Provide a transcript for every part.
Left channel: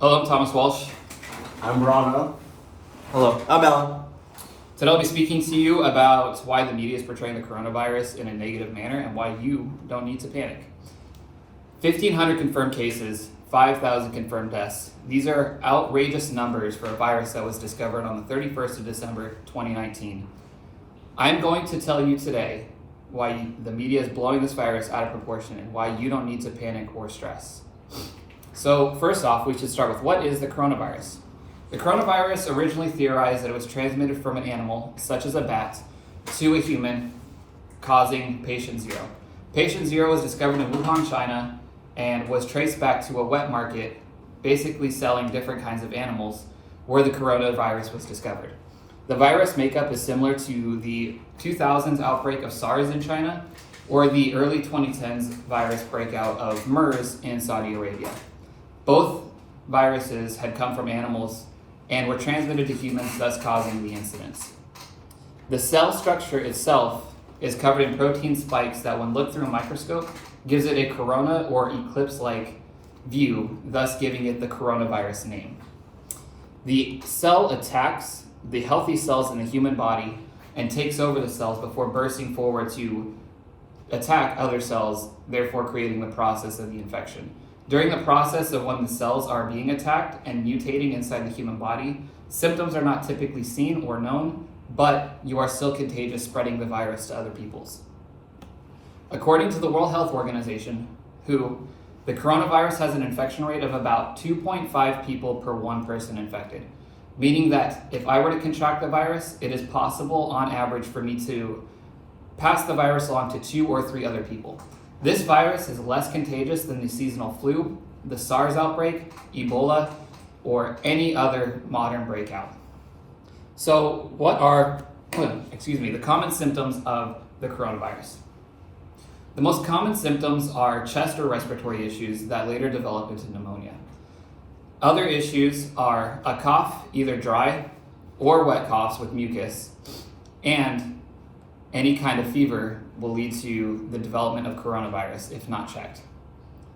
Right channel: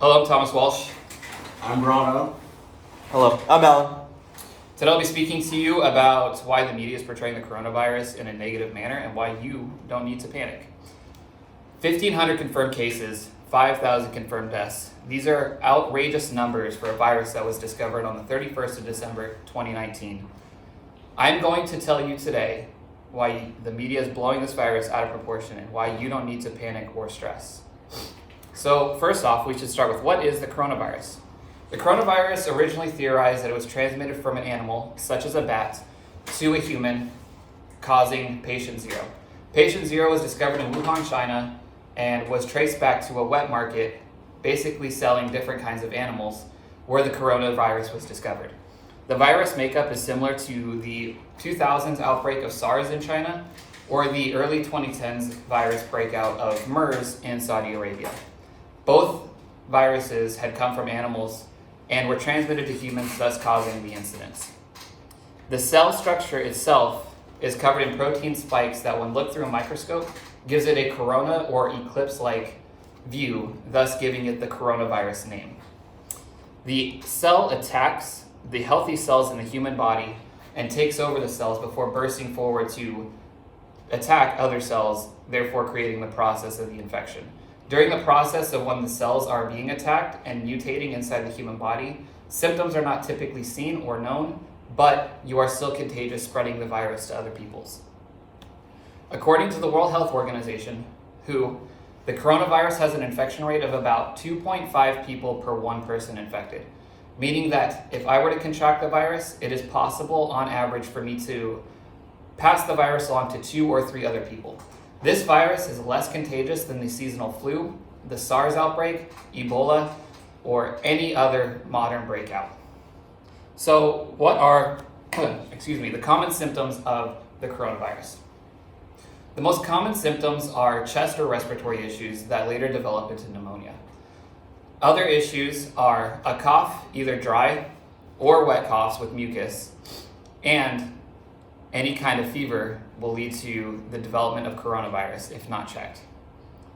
Hello, I'm Thomas Walsh. I'm Rana. Hello, I'm Alan. Today I'll be speaking to you about why the media is portraying the coronavirus in a negative manner and why you don't need to panic. 1,500 confirmed cases, 5,000 confirmed deaths. These are outrageous numbers for a virus that was discovered on the 31st of December, 2019. I'm going to tell you today why the media is blowing this virus out of proportion and why you don't need to panic or stress. So first off, we should start with what is the coronavirus? The coronavirus originally theorized that it was transmitted from an animal, such as a bat, to a human, causing patient zero. Patient zero was discovered in Wuhan, China, and was traced back to a wet market, basically selling different kinds of animals, where the coronavirus was discovered. The virus makeup is similar to the 2000s outbreak of SARS in China, or the early 2010s virus breakout of MERS in Saudi Arabia. Both viruses had come from animals and were transmitted to humans, thus causing the incidents. The cell structure itself is covered in protein spikes that, when looked through a microscope, gives it a corona or eclipse-like view, thus giving it the coronavirus name. The cell attacks the healthy cells in the human body and takes over the cells before bursting forward to attack other cells, therefore creating the process of the infection. During the process of when the cells are being attacked and mutating inside the human body, symptoms are not typically seen or known, but you are still contagious, spreading the virus to other peoples. According to the World Health Organization, WHO, the coronavirus has an infection rate of about 2.5 people per one person infected, meaning that if I were to contract the virus, it is possible on average for me to pass the virus along to 2 or 3 other people. This virus is less contagious than the seasonal flu, the SARS outbreak, Ebola, or any other modern breakout. So what are, the common symptoms of the coronavirus? The most common symptoms are chest or respiratory issues that later develop into pneumonia. Other issues are a cough, either dry or wet coughs with mucus, and any kind of fever will lead to the development of coronavirus if not checked.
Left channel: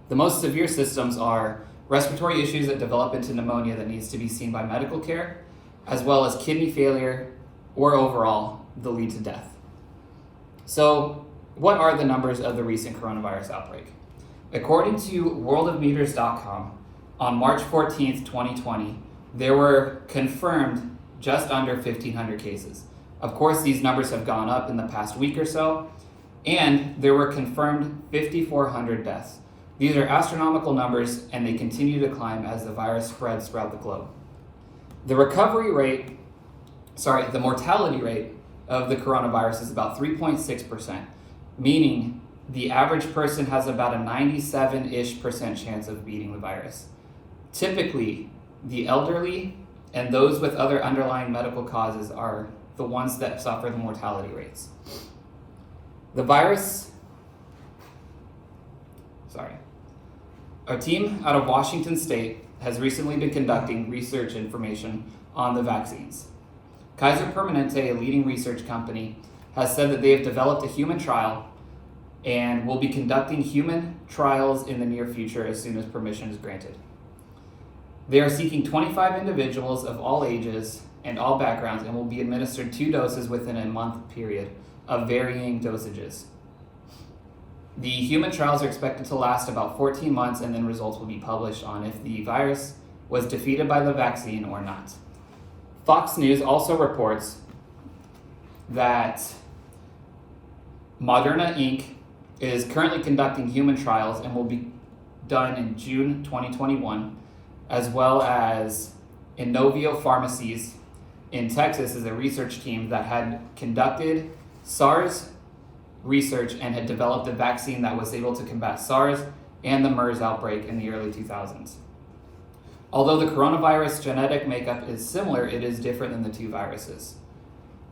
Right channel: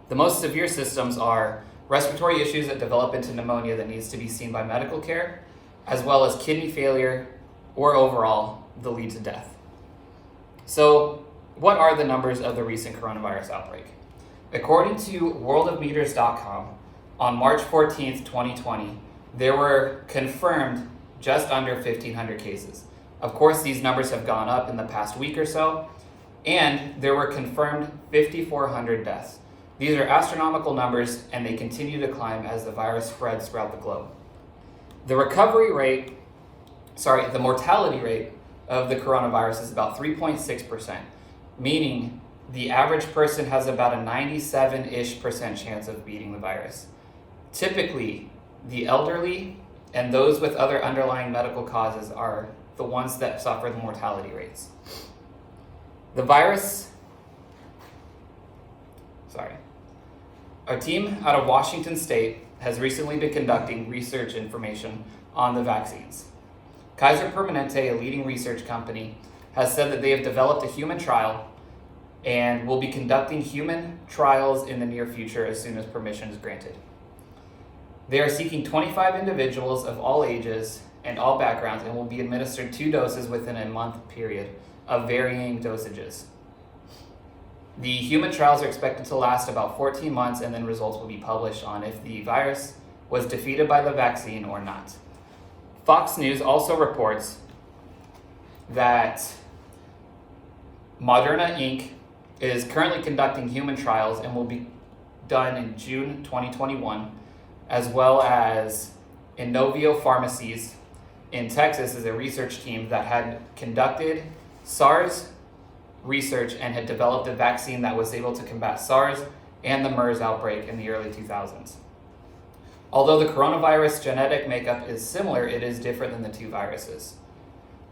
The most severe symptoms are respiratory issues that develop into pneumonia that needs to be seen by medical care, as well as kidney failure, or overall, they'll lead to death. So what are the numbers of the recent coronavirus outbreak? According to worldofmeters.com, on March 14th, 2020, there were confirmed just under 1,500 cases. Of course, these numbers have gone up in the past week or so, and there were confirmed 5,400 deaths. These are astronomical numbers, and they continue to climb as the virus spreads throughout the globe. The mortality rate of the coronavirus is about 3.6%, meaning the average person has about a 97-ish% chance of beating the virus. Typically, the elderly and those with other underlying medical causes are the ones that suffer the mortality rates. A team out of Washington State has recently been conducting research information on the vaccines. Kaiser Permanente, a leading research company, has said that they have developed a human trial and will be conducting human trials in the near future as soon as permission is granted. They are seeking 25 individuals of all ages and all backgrounds, and will be administered 2 doses within a month period of varying dosages. The human trials are expected to last about 14 months, and then results will be published on if the virus was defeated by the vaccine or not. Fox News also reports that Moderna Inc. is currently conducting human trials and will be done in June 2021, as well as Inovio Pharmacies in Texas is a research team that had conducted SARS research and had developed a vaccine that was able to combat SARS and the MERS outbreak in the early 2000s. Although the coronavirus genetic makeup is similar, it is different than the 2 viruses.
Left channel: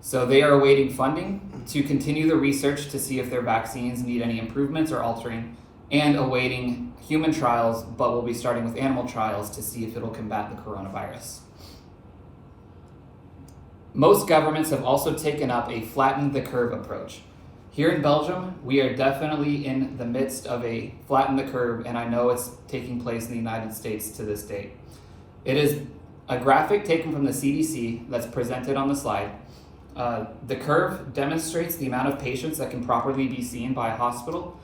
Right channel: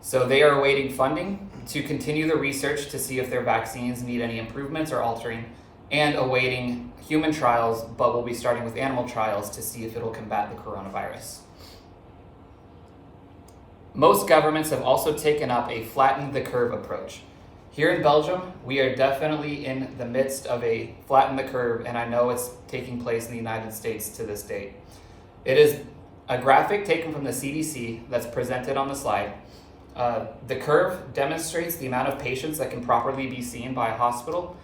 So they are awaiting funding to continue the research to see if their vaccines need any improvements or altering, and awaiting human trials, but will be starting with animal trials to see if it'll combat the coronavirus. Most governments have also taken up a flatten the curve approach. Here in Belgium, we are definitely in the midst of a flatten the curve, and I know it's taking place in the United States to this date. It is a graphic taken from the CDC that's presented on the slide. The curve demonstrates the amount of patients that can properly be seen by a hospital,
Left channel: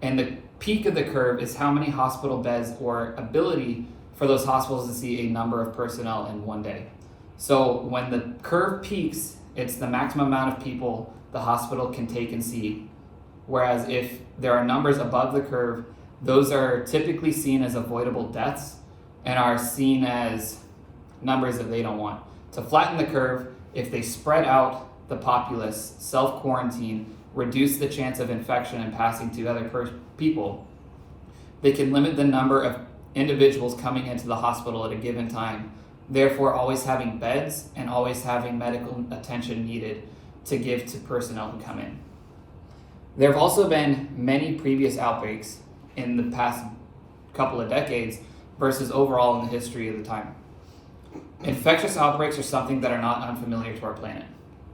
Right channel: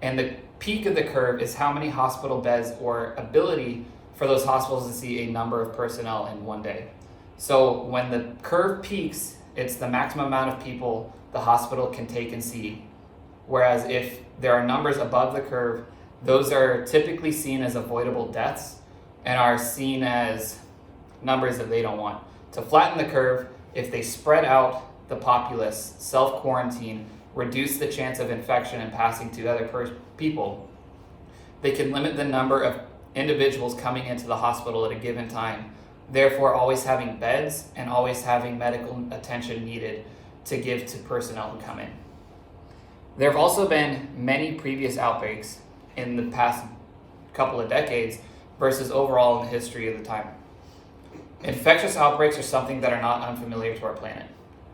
and the peak of the curve is how many hospital beds or ability for those hospitals to see a number of personnel in one day. So when the curve peaks, it's the maximum amount of people the hospital can take and see. Whereas if there are numbers above the curve, those are typically seen as avoidable deaths and are seen as numbers that they don't want. To flatten the curve, if they spread out the populace, self-quarantine, reduce the chance of infection and passing to other people, they can limit the number of individuals coming into the hospital at a given time, therefore always having beds and always having medical attention needed to give to personnel who come in. There have also been many previous outbreaks in the past couple of decades versus overall in the history of the time. Infectious outbreaks are something that are not unfamiliar to our planet.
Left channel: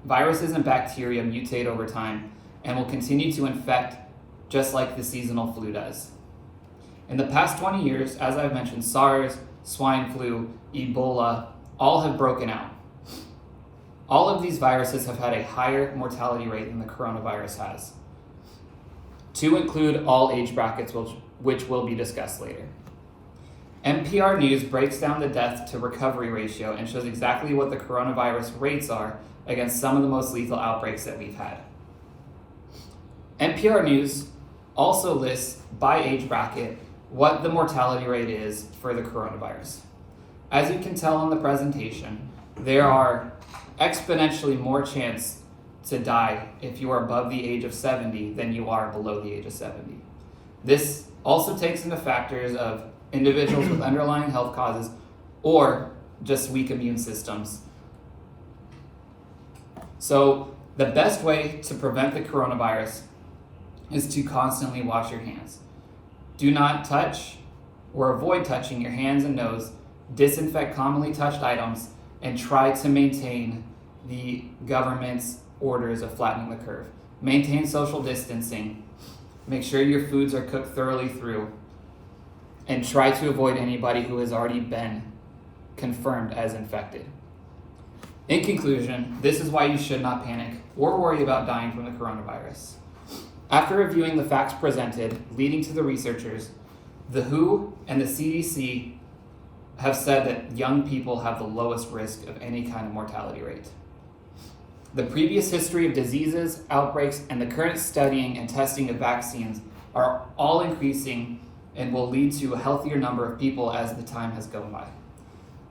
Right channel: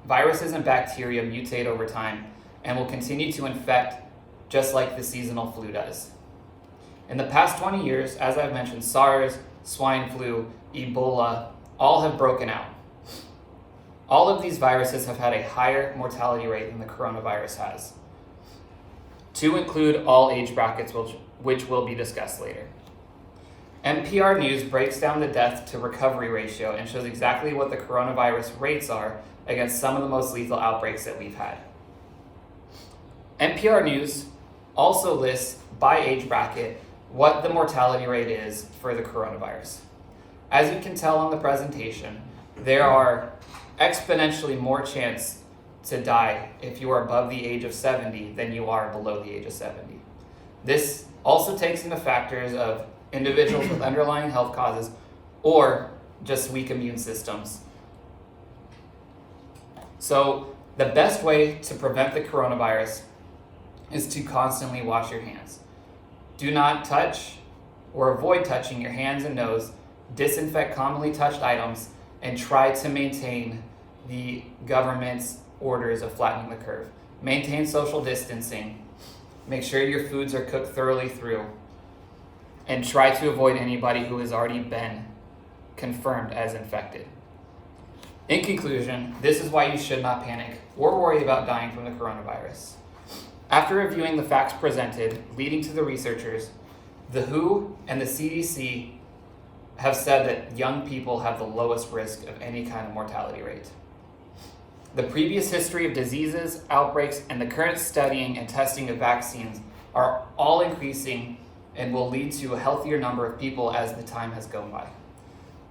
Viruses and bacteria mutate over time and will continue to infect just like the seasonal flu does. In the past 20 years, as I've mentioned, SARS, swine flu, Ebola, all have broken out. All of these viruses have had a higher mortality rate than the coronavirus has, to include all age brackets, which will be discussed later. NPR News breaks down the death to recovery ratio and shows exactly what the coronavirus rates are against some of the most lethal outbreaks that we've had. NPR News also lists by age bracket what the mortality rate is for the coronavirus. As you can tell on the presentation, there are exponentially more chance to die if you are above the age of 70 than you are below the age of 70. This also takes into factors of individuals with underlying health causes or just weak immune systems. So the best way to prevent the coronavirus is to constantly wash your hands. Do not touch or avoid touching your hands and nose, disinfect commonly touched items, and try to maintain the government's orders of flattening the curve. Maintain social distancing, make sure your foods are cooked thoroughly through, and try to avoid anybody who has already been confirmed as infected. In conclusion, this is why you should not panic or worry about dying from the coronavirus. After reviewing the facts presented leading to the researchers, the WHO and the CDC have said that young people have the lowest risk of any kind of mortality rate. The previous history of diseases, outbreaks, and the current studying and testing of vaccines are all increasing and will lead to a healthier number of people as the time has gone by.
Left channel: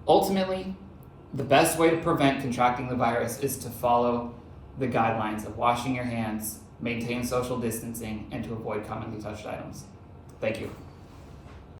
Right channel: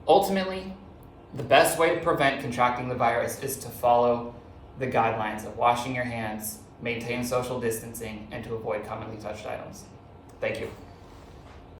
Ultimately, the best way to prevent contracting the virus is to follow the guidelines of washing your hands, maintain social distancing, and to avoid commonly touched items. Thank you.